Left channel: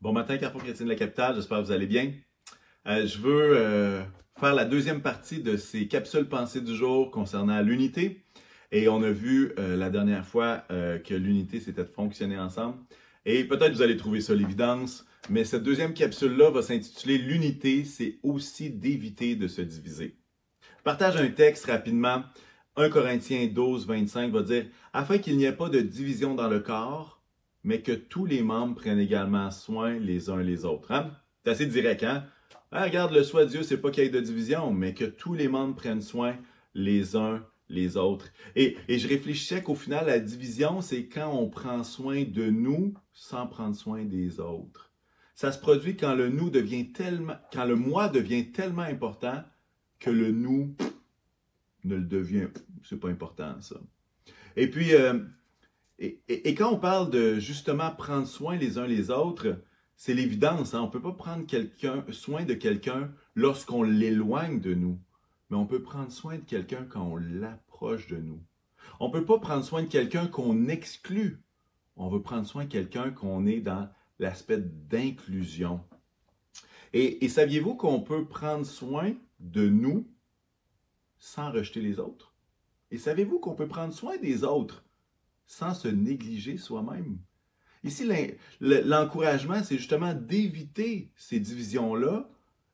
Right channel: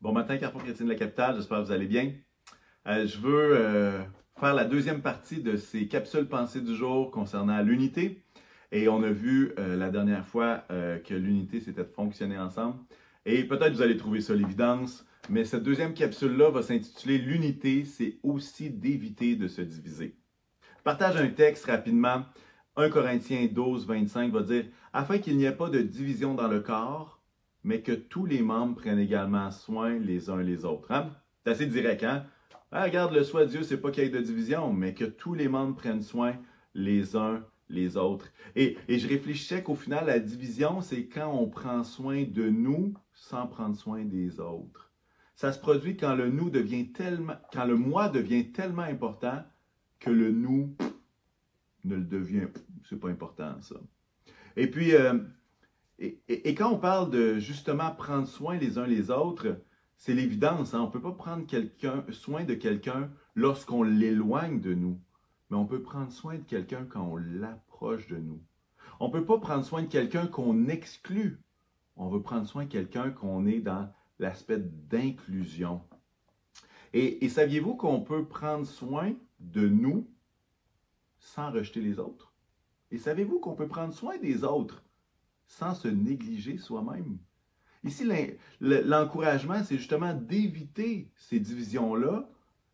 Bon matin, Carrefour Chrétien de la Capitale, j'espère que vous allez bien. Je veux faire la deuxième partie de ces capsules pensées du jour concernant l'unité. Et on a vu la dernière fois que l'unité, c'était de fonctionner ensemble. Et peut-être vous allez trouver ça l'évidence, mais cette deuxième capsule-là va s'intituler L'unité, c'est aussi d'éviter de se diviser. Je partage un texte rapidement. 1 Corinthiens 12, 25 va dire « Afin qu'il n'y ait pas de division dans le corps, mais que tous les membres prennent également soin les uns les autres. » Hein? C'est assez direct, hein? Ah, regarde, le souhait de Dieu, c'est pas qu'il y ait de division, mais que tous les membres prennent soin les uns les autres. Et je réfléchissais qu'au final, la division, c'est quand on prend soin de nous sans prendre soin des autres. Ça se produit quand le nous devient tellement, quand le moi devient tellement important que le nous ne le devient, c'est pas important ça. Et puis, et quand on parle de justement prendre soin les uns les autres, c'est l'évidence, hein? On ne peut pas prendre soin de quelqu'un lorsqu'on l'éloigne de nous, mais on peut prendre soin de quelqu'un quand on l'approche de nous. On ne peut pas prendre soin de quelqu'un qu'on exclut. On veut prendre soin de quelqu'un qu'on est dans l'aspect d'inclusion. Et saviez-vous qu'on peut prendre soin de nous sans rejeter les autres? Et savez-vous qu'on peut prendre soin des autres sans se négliger soi-même? Ici, l'encouragement, c'est justement d'éviter ces divisions-là,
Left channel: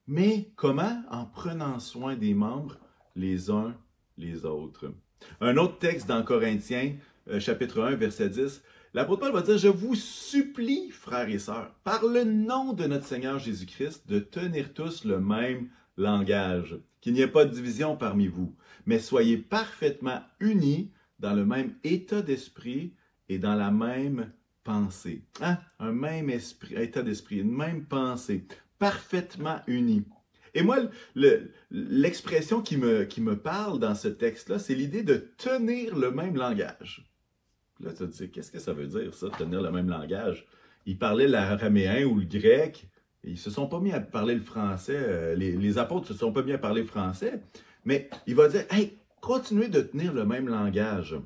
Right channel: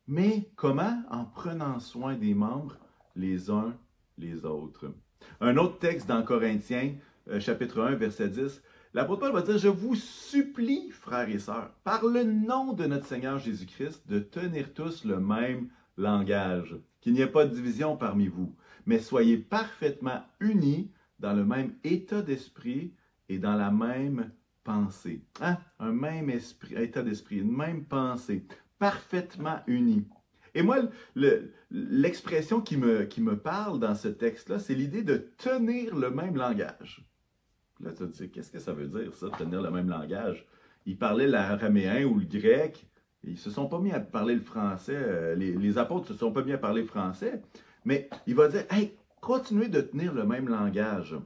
mais comment? En prenant soin des membres les uns les autres. Un autre texte dans Corinthiens, chapitre 1, verset 10, l'apôtre Paul va dire « Je vous supplie, frères et sœurs, par le nom de notre Seigneur Jésus-Christ, de tenir tous le même langage, qu'il n'y ait pas de division parmi vous, mais soyez parfaitement unis dans le même état d'esprit et dans la même pensée. Hein? Un même esprit, état d'esprit, une même pensée, parfaitement unis. » Et moi, l'expression qui me parle dans ce texte-là, c'est l'idée de tenir le même langage. Là, tu te dis, qu'est-ce que ça veut dire, ça, tenir le même langage? Ils parlaient l'araméen ou le grec, et ils ne se sont pas mis à parler le français, les apôtres ne se sont pas mis à parler français, mais il va dire, hey, continuez de tenir le même langage.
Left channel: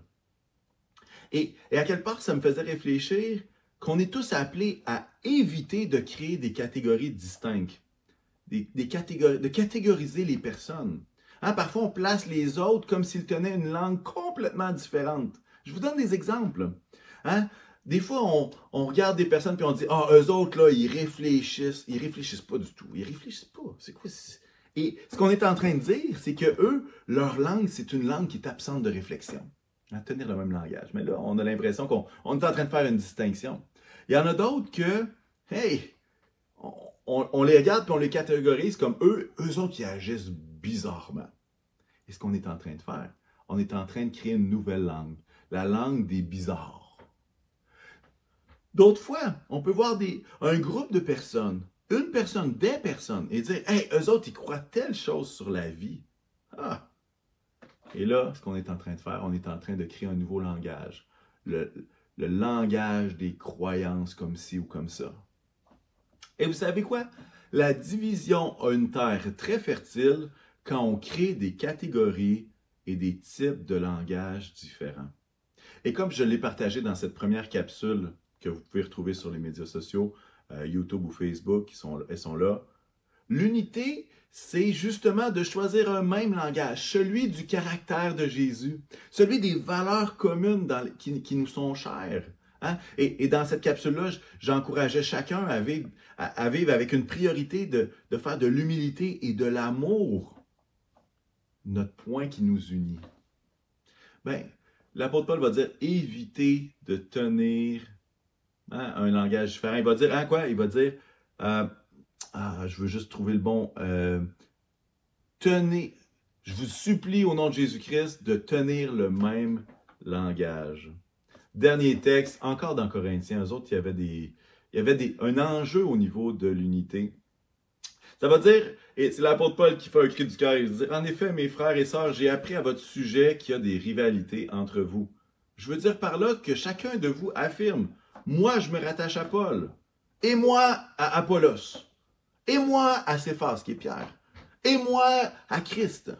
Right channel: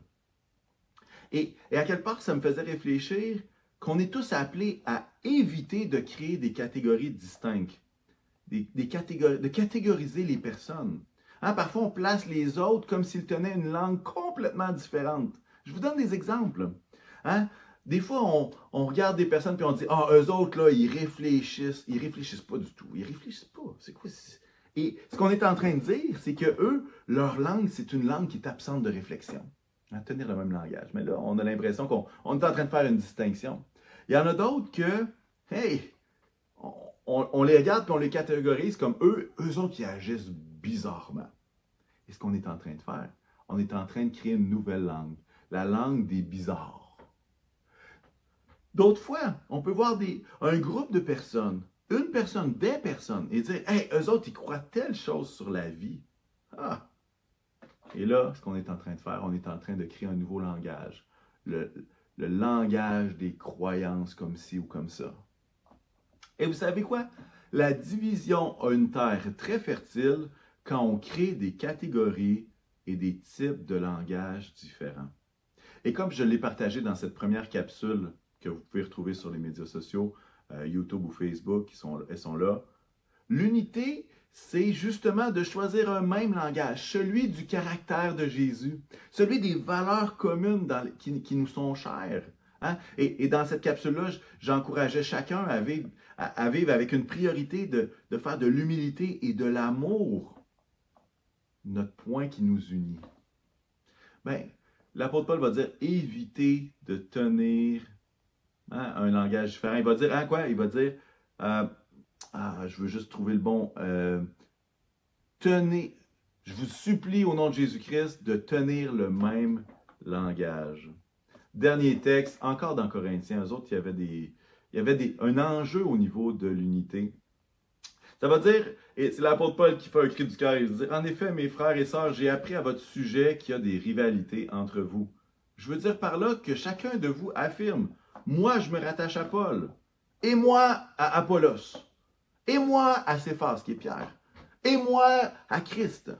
Et à quelque part, ça me faisait réfléchir qu'on est tous appelés à éviter de créer des catégories distinctes, de catégoriser les personnes. Hein, parfois, on place les autres comme s'ils tenaient une langue complètement différente. Je vous donne des exemples. Hein? Des fois, on regarde des personnes et on dit « Ah, eux autres, là, ils réfléchissent. » Ils réfléchissent pas du tout. Ils réfléchissent pas. C'est quoi? Et ce qu'on est en train de dire, c'est que eux, leur langue, c'est une langue qui est absente de réflexion. À tenir le même langage. Mais là, on a l'impression qu'on est en train de faire une distinction. Il y en a d'autres que, hey, on les regarde et on les catégorise comme eux autres qui agissent bizarrement. Et ce qu'on est en train de faire, on est en train de créer une nouvelle langue, la langue des bizarres. D'autres fois, on peut voir un groupe de personnes, une personne, des personnes, et dire, hey, eux autres, ils croient telle chose sur la vie. Ah! Et là, ce qu'on est en train de faire, on est en train de créer un nouveau langage. Le langage des croyances comme ci ou comme ça. Et vous savez quoi? La division a une terre très fertile quand on crée des catégories et des types de langage différents. Et comme je l'ai partagé dans cette première capsule que vous pouvez retrouver sur les médias sociaux, YouTube ou Facebook, elles sont là, l'unité, c'est justement de choisir un même langage, celui du caractère de Jésus, celui des valeurs communes qui nous sont chères. Hein? Et dans cette capsule-là, j'encourageais chacun à vivre avec une priorité de faire de l'humilité et de l'amour notre point qui nous unit. Bien, l'apôtre Paul va dire évitez de tenir un langage différent. Il va dire, hein, quoi? Il va dire, je veux juste trouver le bon. Tenez, je vous supplie au nom de Jésus-Christ de tenir le même langage. Dernier texte, encore dans Corinthiens, eux autres, il y avait un enjeu au niveau de l'unité. Ça va dire, et c'est l'apôtre Paul qui fait un cri du cœur, il dit, en effet, mes frères et sœurs, j'ai appris à votre sujet qu'il y a des rivalités entre vous. Je veux dire par là que chacun de vous affirme, moi je me rattache à Paul, et moi à Apollos, et moi à Céphas qui est Pierre, et moi à Christ.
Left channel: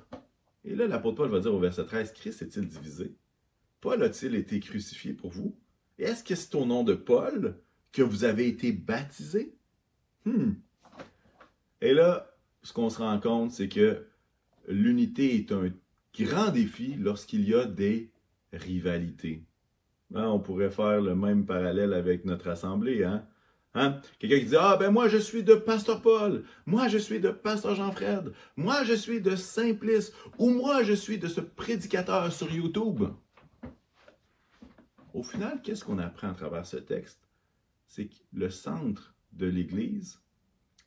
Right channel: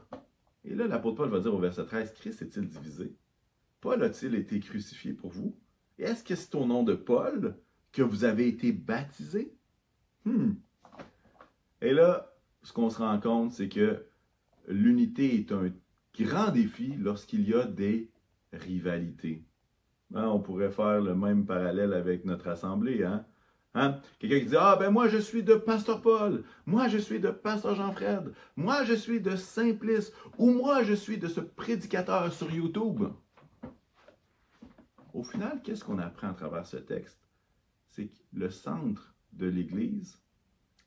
Et là, l'apôtre Paul va dire au verset 13, Christ est-il divisé? Paul a-t-il été crucifié pour vous? Et est-ce que c'est au nom de Paul que vous avez été baptisés? Et là, ce qu'on se rend compte, c'est que l'unité est un grand défi lorsqu'il y a des rivalités. Hein, on pourrait faire le même parallèle avec notre assemblée. Hein? Quelqu'un qui dit « Ah, ben moi, je suis de Pasteur Paul. Moi, je suis de Pasteur Jean-Fred. Moi, je suis de Simplice. Ou moi, je suis de ce prédicateur sur YouTube. » Au final, qu'est-ce qu'on apprend à travers ce texte? C'est que le centre de l'Église,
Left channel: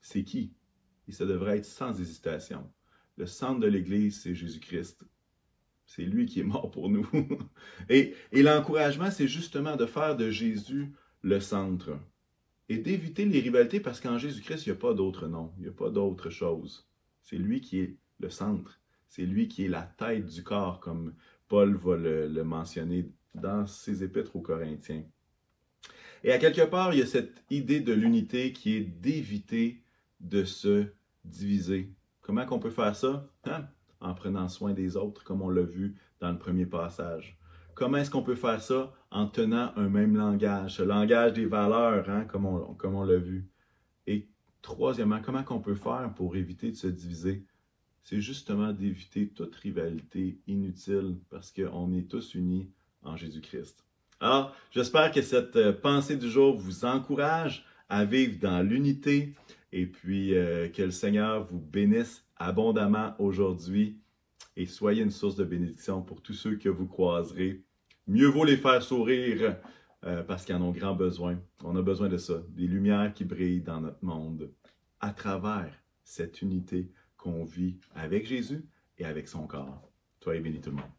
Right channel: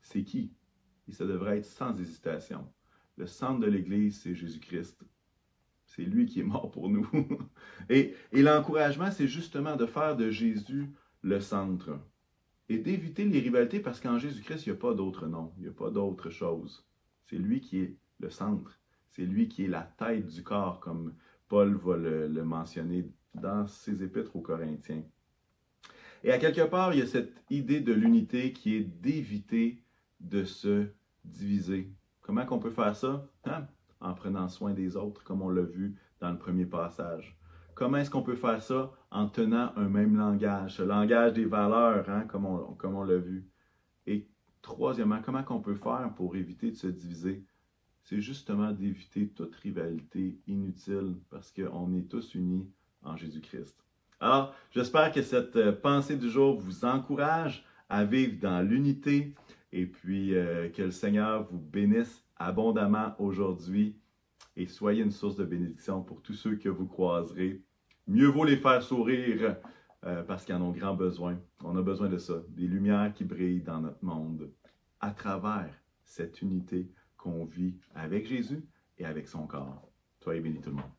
c'est qui? Et ça devrait être sans hésitation. Le centre de l'Église, c'est Jésus-Christ. C'est lui qui est mort pour nous. Et l'encouragement, c'est justement de faire de Jésus le centre. Et d'éviter les rivalités parce qu'en Jésus-Christ, il n'y a pas d'autre nom. Il n'y a pas d'autre chose. C'est lui qui est le centre. C'est lui qui est la tête du corps, comme Paul va le mentionner dans ses épîtres aux Corinthiens. Et à quelque part, il y a cette idée de l'unité qui est d'éviter de se diviser. Comment qu'on peut faire ça? En prenant soin des autres, comme on l'a vu dans le premier passage. Comment est-ce qu'on peut faire ça? En tenant un même langage, ce langage des valeurs, comme on l'a vu. Et troisièmement, comment qu'on peut faire pour éviter de se diviser? C'est justement d'éviter toute rivalité inutile parce qu'on est tous unis en Jésus-Christ. Alors, j'espère que cette pensée du jour vous encourage à vivre dans l'unité et puis que le Seigneur vous bénisse abondamment aujourd'hui et soyez une source de bénédiction pour tous ceux que vous croiserez. Mieux vaut les faire sourire parce qu'ils en ont grand besoin. On a besoin de ça, des lumières qui brillent dans notre monde à travers cette unité qu'on vit avec Jésus et avec son corps. Soyez bénis tout le monde.